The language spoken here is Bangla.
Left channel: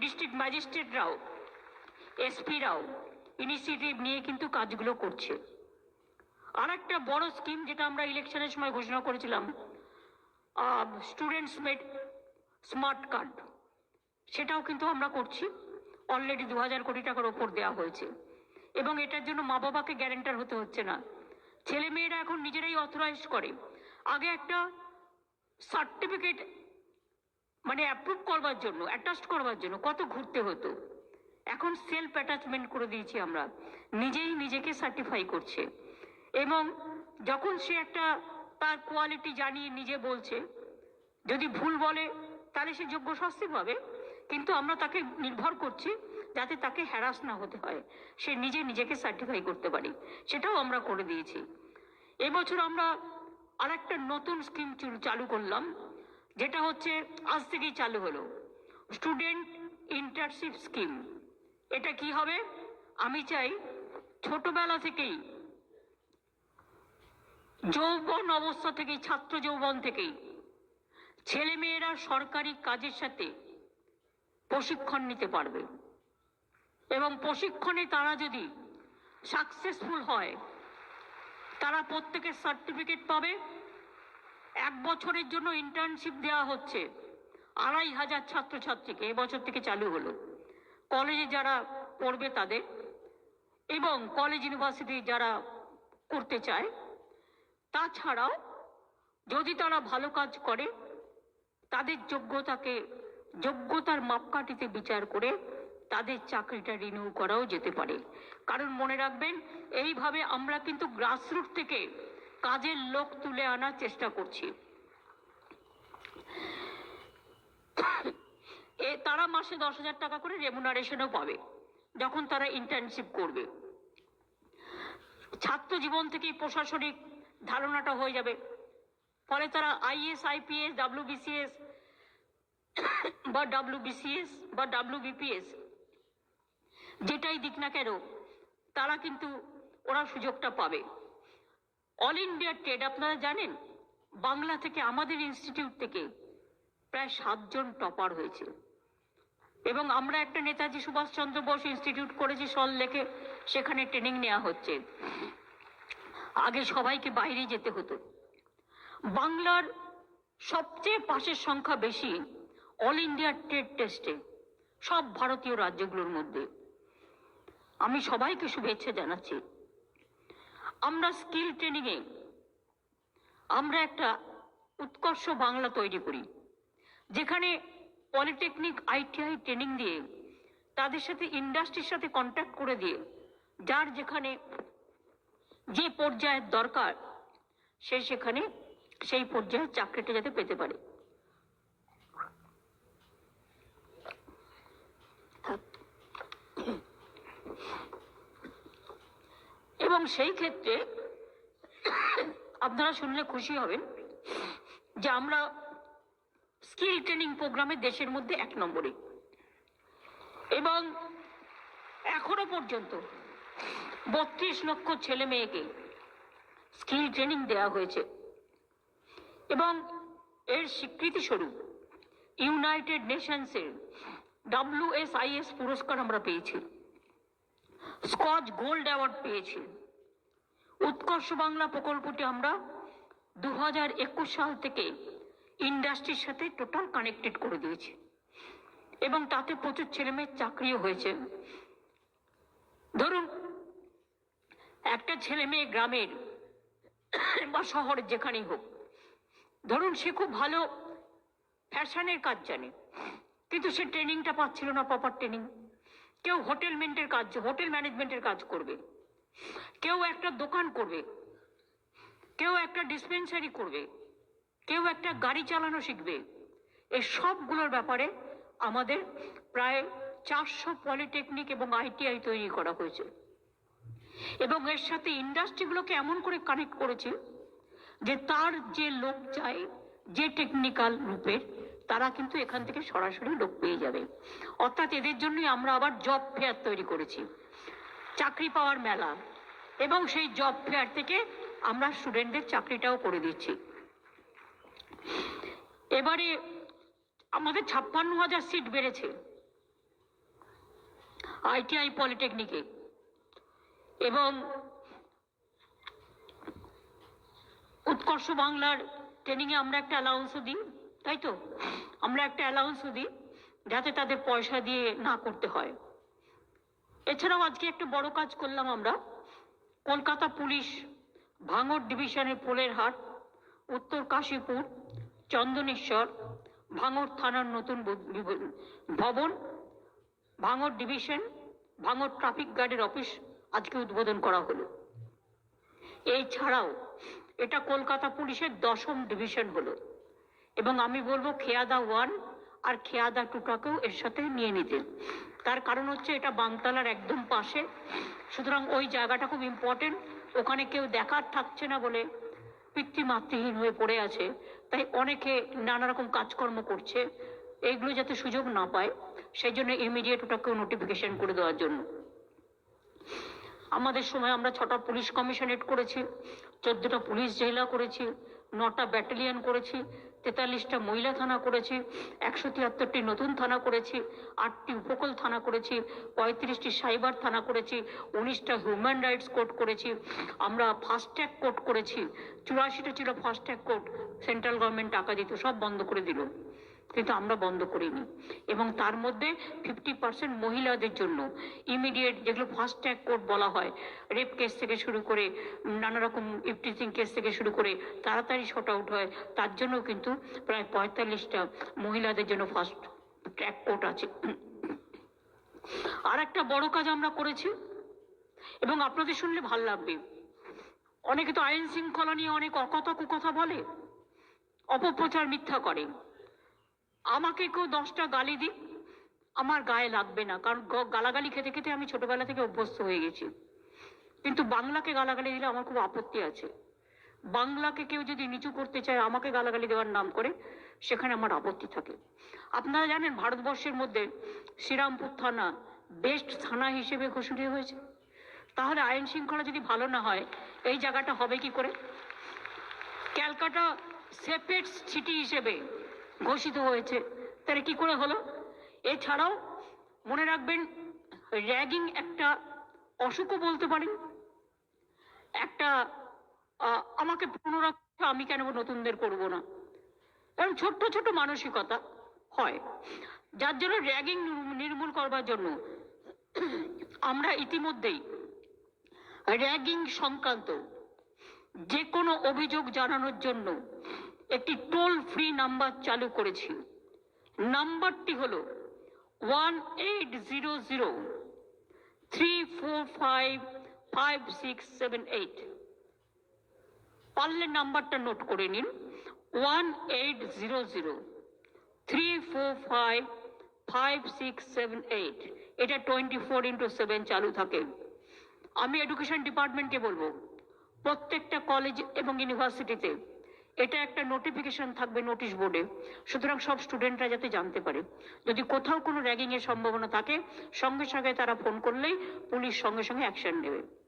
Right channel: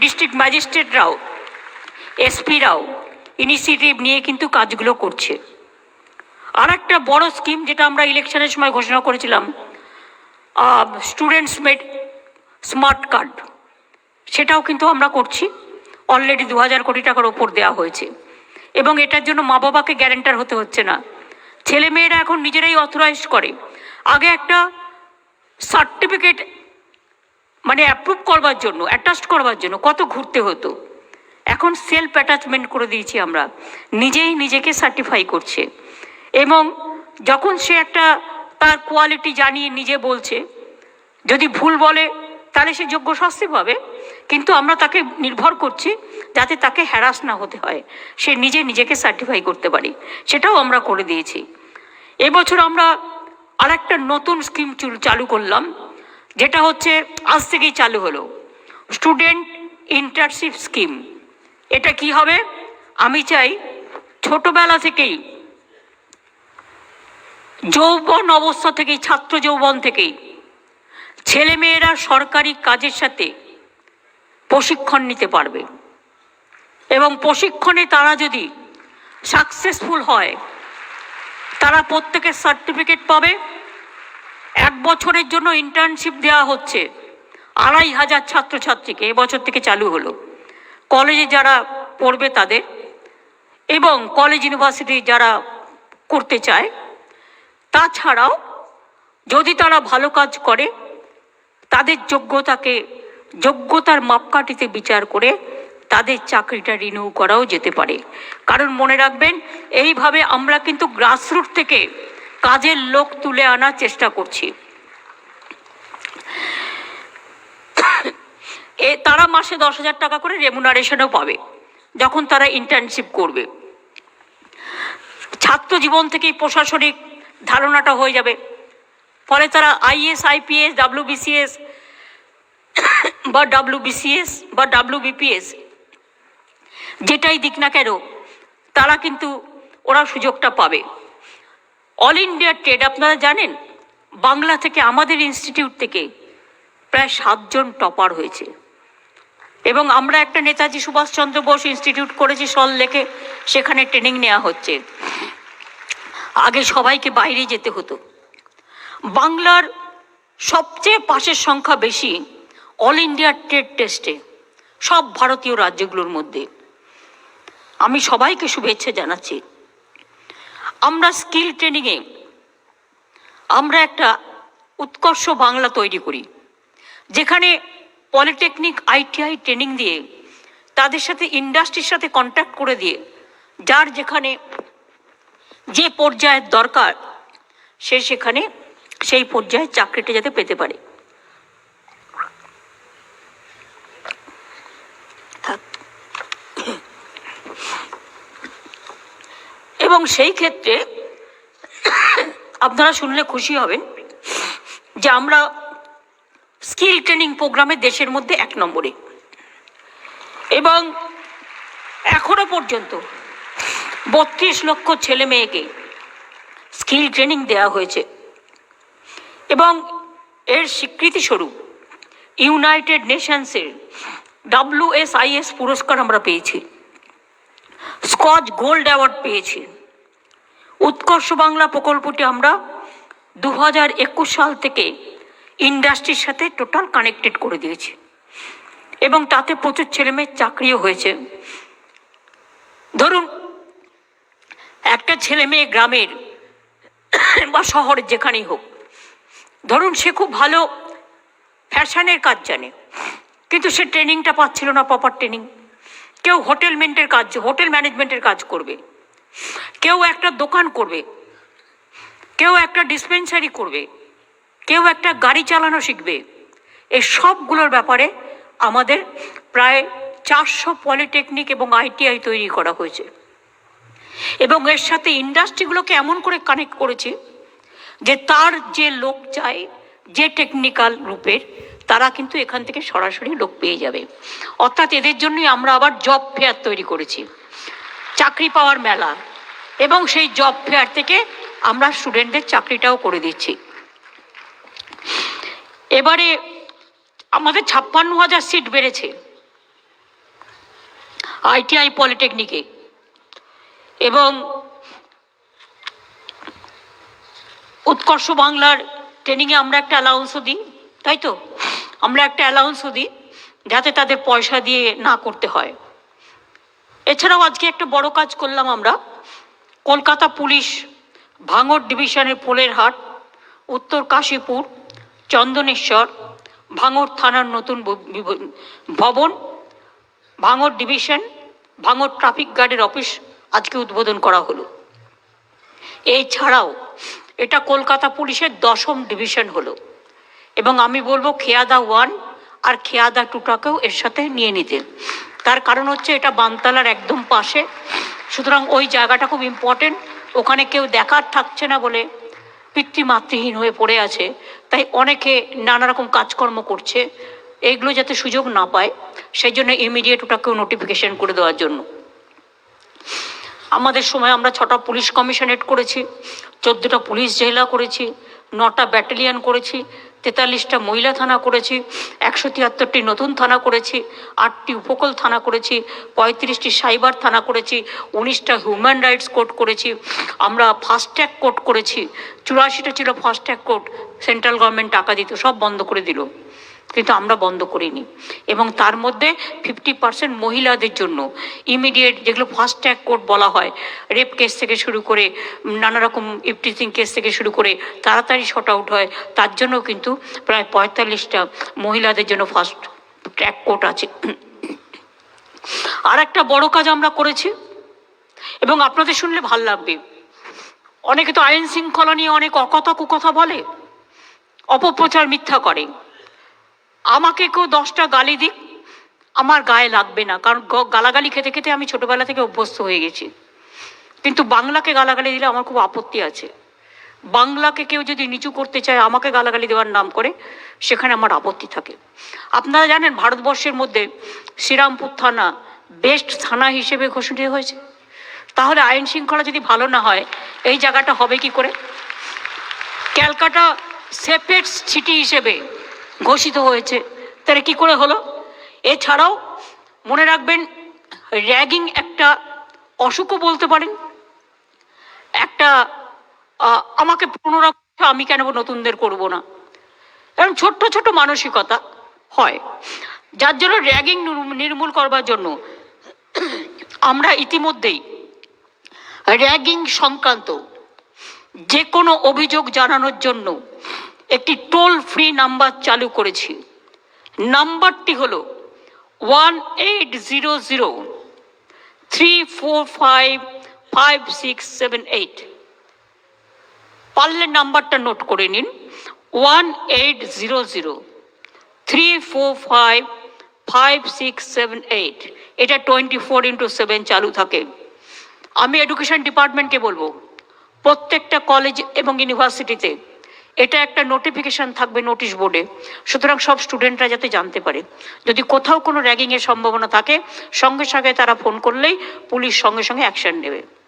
ডিস্ট্রিক্ট ম্যাজিস্ট্রেটরাও, এসপিরাও ইনিশিয়েটিভ নিয়ে কিন্তু কাজগুলো করছে। আর একটা বড় স্কিম যেটা আমরা ইলেকশনের সময় ঘোষণা করেছিলাম স্টুডেন্টস মেড স্মার্ট কার্ড সেটাও কিন্তু আমরা করছি। অলরেডি দু হাজার কোটি টাকার ওপর দেওয়া হয়েছে। এবং এটার জন্য মা বাবাকে গ্যারেন্টার হতে হচ্ছে না। ছেলে মেয়েরা এখন নিজেরাই অথরাইজ করে। আগে একটা সার্টিফিকেট মানে অ্যাপ্রুভ করবার জন্য অ্যাটাস্ট করবার জন্য, কত ঘুরতে হতো। এখন সেলফ অ্যাটাচমেন্ট করে দিয়েছি আমরা, নিজেই নিজেকে সার্টিফাই করছে। এবং যখন সে একটা তার কোয়ালিটি জানিয়ে নিজে বলছে, যদি ভুল বলে, তাহলে সে যোগ্য শাস্তি পাবে। কিন্তু আমরা তাকে নির্ভর করছি যাতে তাকে হ্যারাস না হতে হয়। সে নিজে নিজেকে সার্টিফাই করতে পারে। সেটাও আমরা করে দিয়েছি। এবছর আমরা আর একটা নতুন স্কিম চালু করলাম। যেটা হচ্ছে, আজ থেকেই চালু হলো। স্টুডেন্ট ইন্টার্নশিপ স্কিম এটা কি হবে? আমি চাই ছোটবেলা থেকেই, যৌবন অবস্থা থেকেই, ছাত্র যৌবন থেকেই, ছেলেমেয়েরা সরকারি কাজের সাথে প্রশিক্ষণ নিতে পারবে। এবং প্রশিক্ষণে তারা যদি সাকসেসফুল হয়, তারা প্রত্যেকের সার্টিফিকেট পাবে। এক বছরের জন্য ইন্টার্নশিপ দেওয়া হচ্ছে। আড়াই হাজার ছাত্রছাত্রীকে এবছর থেকে চালু হলো। কলেজে যারা পড়বে তাদের এবং কলেজ ইউনিভার্সিটি যারা করতে চায়, তাছাড়াও যদি তারা ভালো কাজ করে, তাদের যোগ্যতাকে, যোগ্যতার মাপকাঠিতে বিচার করে তাদের চাকরিটা রিনিউ করাও যেতে পারে। কারণ মনে রাখবেন, এইভাবে আমরা কিন্তু গ্রাসরুট থেকে কাজের লোক তুলে আনার চেষ্টা করছি। এ, তারা মাসে দশ হাজার টাকা করে রেমুনারেশনও পাবে, যখন তারা ইন্টার্নশিপ করবে। ছাত্র জীবন থেকেই প্রশাসনিক ধারণাটা হয়ে যাবে। ফলে তারা আইএস আইপিএস ডাব্লিউবিসিএস বা ডাব্লিউবিসিএস বা ডাব্লিউবিপিএস যেটাই দিক না কেন, তারা কিন্তু ওরা সুযোগটা পাবে। অল ইন্ডিয়া ট্রেড আপনারা জানেন? বাংলা থেকে আমাদের ইনস্টিটিউট থেকে প্রায় সাতজন টপার হয়েছে। এবং আমরা একটা নেতাজি সুভাষচন্দ্র বোস ইনস্টিটিউট করেছি সল লেখে সেখানে ট্রেনিং নেওয়া হচ্ছে। আগে সবাইকে বাইরে যেতে হতো। বাংলার সবচেয়ে পাশের সংখ্যা বেশি অল ইন্ডিয়া ট্রেড টেস্টে সব ভারতীয় রাজ্যগুলোর মধ্যে। আমি সবাইকে শুভেচ্ছা জানাচ্ছি। আমরা স্কিল ট্রেনিংয়ে আমরা একটা উৎকর্ষ বাংলা তৈরি করি, যেখানে পলিটেকনিক আইটিআই ট্রেনিং দিয়ে তাদের সাথে ইন্ডাস্ট্রির সাথে কন্ট্যাক্ট করে দিয়ে, যার যেখানে যে পর্যায়ের দরকার, সে সেখানে সেই পর্যায়ে চাকরিটা যাতে পেতে পারে। এবং সেই ক্ষেত্রে আপনারা শুনলে খুশি হবেন যে আমরা স্কিল ট্রেনিং প্রোগ্রামে দেশের মধ্যে এক নম্বরে। এবং এখনও পর্যন্ত বত্রিশ লক্ষ ছেলে মেয়েকে স্কিল ট্রেনিং দেওয়া হয়েছে। এবং এর স্বীকৃতি স্বরূপ ইউনাইটেড নেশনসের ডাব্লিউএসআইএস পুরস্কার আমরা পেয়েছি। স্কচ গোল্ড অ্যাওয়ার্ড পেয়েছি। উৎকর্ষ বাংলা প্রকল্পটি আমরা দু হাজার একুশ সাল থেকে ইন্ডাস্ট্রির সাথে টোটাল কানেক্টেড করে দিয়েছি। এবং তাতে প্রচুর ছেলেমেয়ের চাকরিও হয়েছে। ধরুন, একটা ছেলে মেয়ে গ্রামের বা শহরের যেখানেই হোক, ধরুন সে খুব ভালো ফ্যাশনের কাজ জানে, কিন্তু সে ট্রেনিংটা পাচ্ছিল না প্রপার ট্রেনিং কেউ হোটেলমেন্টের কাজ, হোটেল ম্যানেজমেন্টের কাজ করবে। কেউ একটা দোকান করবে, কেউ একটা ডিসপেন্সারি করবে, কেউ একটা গাড়ি চালানো শিখবে। এই সবগুলোর ব্যাপারে আমাদের প্রায় চারশো পলিটেকনিক এবং আইটিআই তৈরি করা হয়েছে। এবং এর সাথে ইন্ডাস্ট্রিগুলোকে এমন করে কানেক্ট করেছে যে তার যে লোক চায়, যে টেকনিক্যাল রূপের, তারা কিন্তু এখান থেকে সরাসরি লোক পেয়ে যাবে। অর্থাৎ এদের জন্যই আমরা আবার জব ফেয়ার তৈরি করেছি। চাকরি পাওয়ার মেলা। এবং সেই জব ফেয়ার থেকে আমরা স্টুডেন্টদের চাকরিটাও করে দিচ্ছি। এবারে আমাদের ছাপ্পান্ন হাজার সিট বেড়েছে। আইটিআই পলিটেকনিকে এবং উৎকর্ষ বাংলার ট্রেনিংয়ে আমরা একটা অ্যালাউন্সও দিই, তাই তো? আমরা একটা অ্যালাউন্সও দিই, যাতে তাদের পয়সা দিয়ে না করতে হয়। এছাড়াও আজকে একটা বড় কাজ করলাম আমরা। কলকাতা পুলিশ ভাঙড় ডিভিশনের পোলের হাট, উত্তর কাশীপুর, চন্দনেশ্বর, ভাঙড় থানার নতুন ভবন, ভাঙড় ডিভিশন, ভাঙড় ট্রাফিক গার্ডের অফিস আজকে উদ্বোধন করা হলো। এছাড়াও এটা কলকাতা পুলিশের দশম ডিভিশন হলো এবং আমি বলব খেয়াদা ওয়ান আর খেয়াদা টুটাকেও এর সাথে নিয়ে নিতে। তার কারণ হচ্ছে এটা বানতালার একদম পাশে। সুতরাং ওই জায়গাটা খুব ইম্পর্টেন্ট ওখানে কেউ দেখার থাকছে না বলে পিতৃমাতৃহীন হয়ে পড়ে আছে। তাই অনেকে নানা রকম কাজকর্ম করছে। এইগুলো যাতে সুযোগ না পায়, সেই জন্য ইমিডিয়েট ওটাকেও নোটিফিকেশন করে দেওয়ার জন্য। আমাদের সময় আমরা ছটা পুলিশ কমিশনারেট করেছি, চোদ্দোটা পুলিশ জেলা করেছি, নটা ব্যাটালিয়ন করেছি। তেতাল্লিশটা মহিলা থানা করেছি, একশো তিয়াত্তরটি নতুন থানা করেছি, আটটি উপকূল থানা করেছি, পঁয়ত্রিশটি সাইবার থানা করেছি, উনিশটা হিউম্যান রাইটস কোর্ট করেছি, আমরা ফাস্ট্যাগ কোর্ট করেছি, চুরাশিটা ছিল ফাস্ট্যাগ কোর্ট সেন্ট্রাল গভর্নমেন্ট টাকা দিত, সব বন্ধ করে দিল। কিন্তু আমরা বন্ধ করিনি। এবং তার মধ্যে ফিফটি পার্সেন্ট মহিলাদের জন্য ইমিডিয়েট যেগুলো ফাস্ট ট্র্যাক কোর্ট বলা হয় রেপ কেস থেকে শুরু করে, নানা রকম ইফটিজিং কেস থেকে শুরু করে তাড়াতাড়ি শর্ট আউট হয়, তার জন্য কিন্তু প্রায় পঁয়তাল্লিশটা মহিলাদের জন্য ফাস্ট ট্র্যাক কোর্ট আছে। আর একটা বড় কাজ আমরা করেছি, এবং আপনাদের শুনলে ভালো লাগবে। অনেকে তো আইন শৃঙ্খলা নিয়ে অনেক অকথা কুকথা বলে, অপপ্রচার মিথ্যা করে। আমাকে কেউ দশটা গালি দিক, আমার গায়ে লাগবে না। কারণ গালাগালি খেতে খেতে আমি ছোটবেলা থেকে অভ্যস্ত হয়ে গেছি। কিন্তু বাংলাকে গালাগালি দিলে আমার খুব আপত্তি আছে। বাংলাকে কেউ যদি নিচু করতে চায়, আমাকে গালাগালি দেওয়ার নাম করে, সেখানে আমার আপত্তি থাকে। আপনারা জানেন, ভারতবর্ষের মধ্যে শ্রীরামপুর থানা বেস্ট থানা হিসেবে ঘোষণা হয়েছে। তাহলে আইন শৃঙ্খলা যদি ভালো না হয়, এই জায়গাটা হবে কি করে? ক্যালকাটা সেফেস্ট সিটি হিসেবে ঘোষিত হয়েছে। তাহলে কি করে হলো? এছাড়াও মনে রাখবেন, র্যাগিং একটা অসুখও বলতে পারেন। একটা আমাকে পুনরায় আমি কেন নতুনদের করব না? এরকম ছোট্ট ছোট মানসিকতা হয়। যার জন্য র্যাগিং নির্মূল করবার জন্য আমরা ইতিমধ্যেই র্যাগিং সংক্রান্ত যে কোনো অভিযোগ জানানোর জন্য একটি টোল ফ্রি নাম্বার চালু করেছি। নাম্বারটি হল one eight zero zero three four five five six seven eight পারলে নাম্বারটা নোট করে নিন। One eight zero zero three four five five six seven eight এটা টোয়েন্টি ফোর ইন্টু সেভেন চালু থাকে। আমি এডুকেশন ডিপার্টমেন্টকে বলব, প্রত্যেকটা কলেজ এবং ইউনিভার্সিটিতে এটা একটা নোটিফিকেশন থাকবে নোটিশ বোর্ডে সুতরাং সব স্টুডেন্টরা যাতে জানতে পারে। যদি কোথাও কোনো র্যাগিংয়ের সম্ভাবনা থাকে, সঙ্গে সঙ্গে তারা ফোন করলেই পুলিশ সঙ্গে সঙ্গে অ্যাকশন নেবে।